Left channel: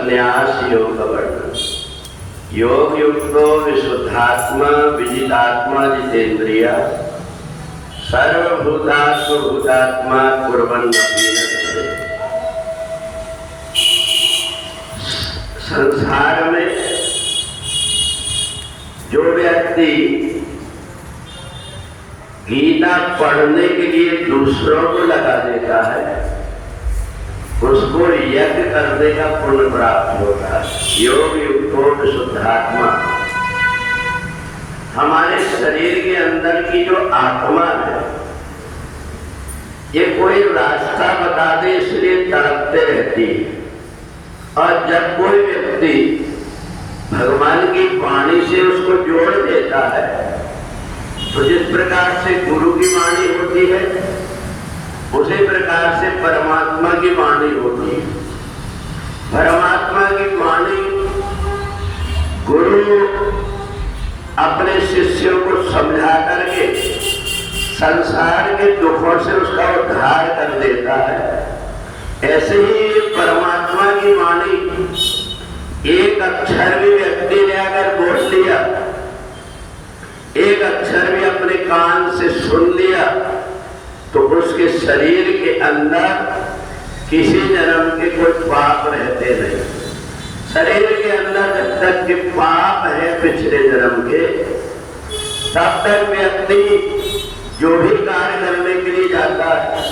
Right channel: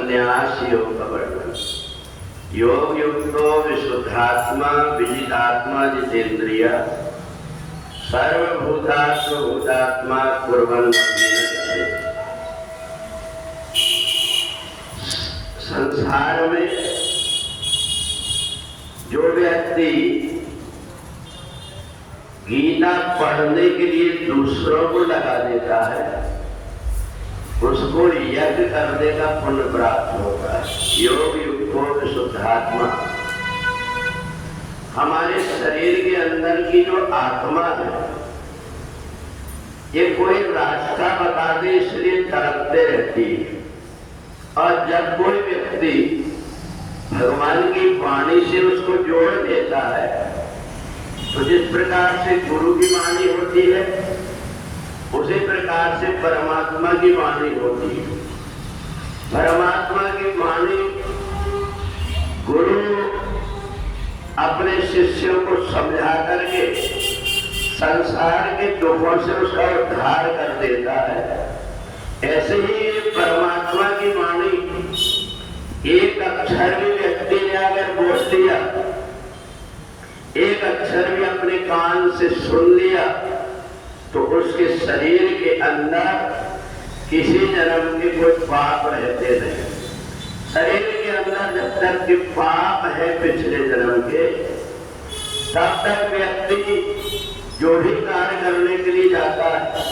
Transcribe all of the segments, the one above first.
संन्यास योग का वर्णन। योग युक्तो विशुद्धात्मा विजितात्मा जितेंद्रिय सर्वभूतात्म भूतात्मा कुर्वन् संसार में जो व्यक्ति गीता पढ़ने के लिए दूसरों को लगा देता है उसको यज्ञ करने का पुण्य प्राप्त होता है। योग युक्तो विशुद्धात्मा, हमारे शरीर के अंदर की जो आत्मा है ये कोई रास्ता बता दे इसलिए तड़पते रहती है। और जब कोई व्यक्ति भगवान की वाणी से उसको जोड़ देता है तो जिस प्रकार से गुरु की वाणी होती है उसी प्रकार से परमात्मा की वाणी होती है। परमात्मा की वाणी गुरु अपने शिष्यों को समझा करके संसार के दुखों से उसका उद्धार कर देता है। ऐसे ही परमात्मा की वाणी एक अक्षर भी व्यक्ति ने अगर बोल लिया, एक अक्षर भी अपने कान से सुन लिया तो उसके शरीर के अंदर किसी जन्म के कोई पाप रहते नहीं। शरीर के अंदर जब तक के पाप है पिछले जन्म के तब तक व्यक्ति जो भी कार्य करने के लिए जाता है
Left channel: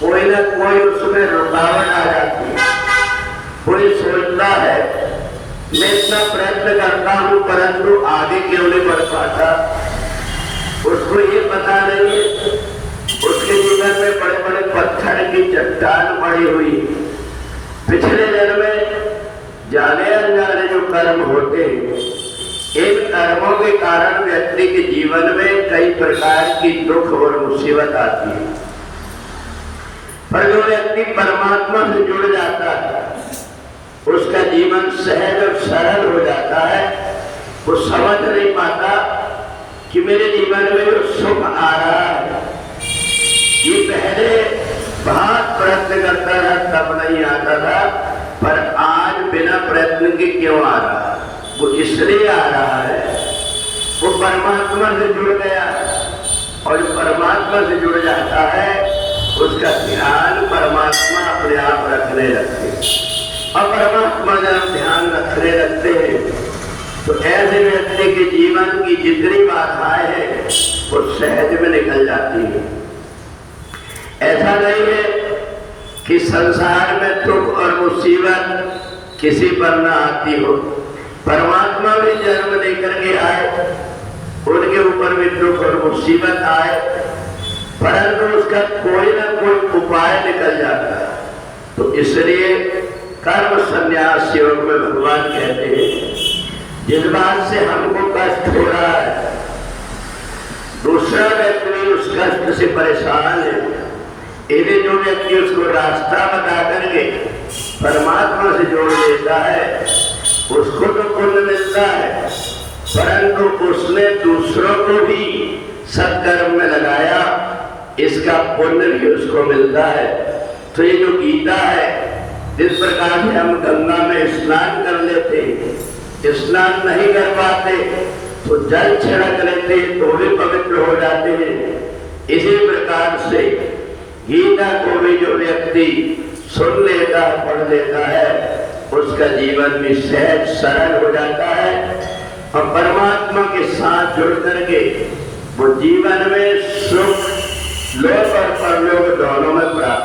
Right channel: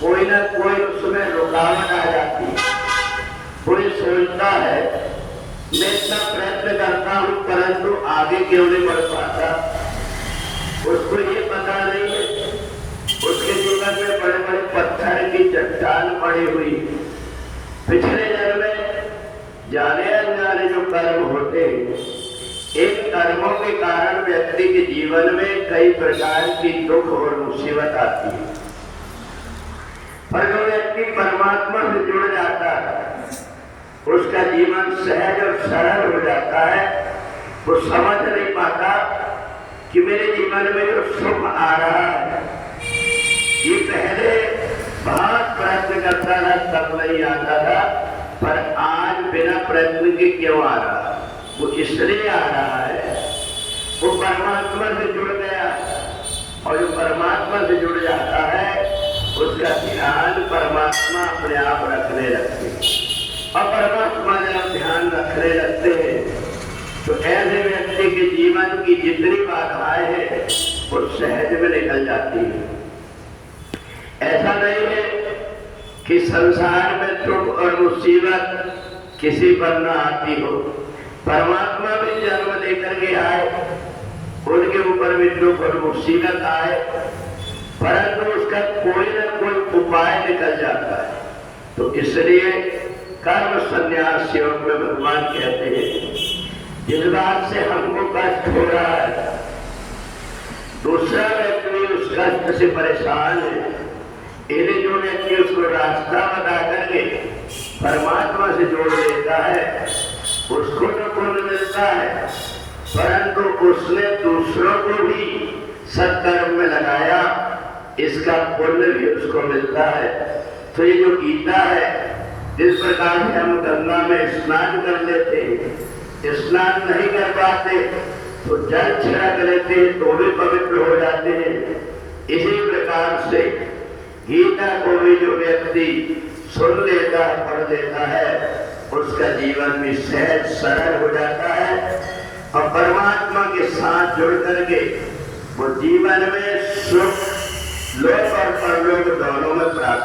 कोई ना कोई उसमें रुकावट आ जाती है। कोई सोचता है मैं इतना प्रयत्न करता हूं परंतु आगे क्यों नहीं बढ़ पाता। उसको ये पता नहीं है उसके जीवन में बड़े बड़े पत्थर की चट्टान पड़ी हुई। पिछले जन्म में जाने अनजाने जो कर्म होते हैं इन कर्मों के कारण व्यक्ति के जीवन में कई प्रकार की दुख और मुसीबत आती है। पर जो व्यक्ति परमात्मा से जुड़ जाता है उसका जीवन सहज और सरल हो जाता है। वो समझ नहीं पाता कि मेरे जीवन में जो सुख आ रहा है ये पहले बहुत प्रयत्न करता था तब नहीं आता था, पर आज बिना प्रयत्न के क्यों आ रहा है। वो इसलिए आ रहा है वो परमात्मा से जुड़ गया और जो परमात्मा से जुड़ जाता है उसका ध्यान परमात्मा अपने आप रखने लगते हैं। और परमात्मा जब ध्यान रखने लगते हैं तो ऐसे व्यक्ति के जीवन की जितनी बाधाएं हैं वो सहज में निकल जाती है। ऐसा नहीं है कि संसार में दुख और मुसीबत किसी पर न आती हो। परमात्मा भी जन्म लेकर के आए, उनके ऊपर भी दुख और मुसीबत आए, परंतु उसका कोई ना कोई उपाय निकल जाता है। तो इसलिए कर्म संन्यास योग में भगवान कहते हैं जिस बात से हमको कष्ट हो रहा है दूसरा व्यक्ति उस कष्ट से परेशान है, इन्हें जो व्यक्ति उसको रास्ता बता करके परमात्मा से जोड़ देता है उसको तो पुण्य मिलता है, परंतु उसने दूसरों को भी सत्कर्म में लगाया इसका पुण्य भी उसको मिलता है। तो ये जो गीता है जिस प्रकार से हम गंगा में स्नान कर लेते हैं, स्नान नहीं कर पाते तो जल छिड़क लेते हैं तो भी पवित्र हो जाते हैं। इसी प्रकार से गीता को भी जो व्यक्ति सुन लेता है पढ़ लेता है उसका जीवन भी सहज सरल हो जाता है और परमात्मा के साथ जुड़ करके वो जीवन में सुख लोक और परलोक दोनों में प्राप्त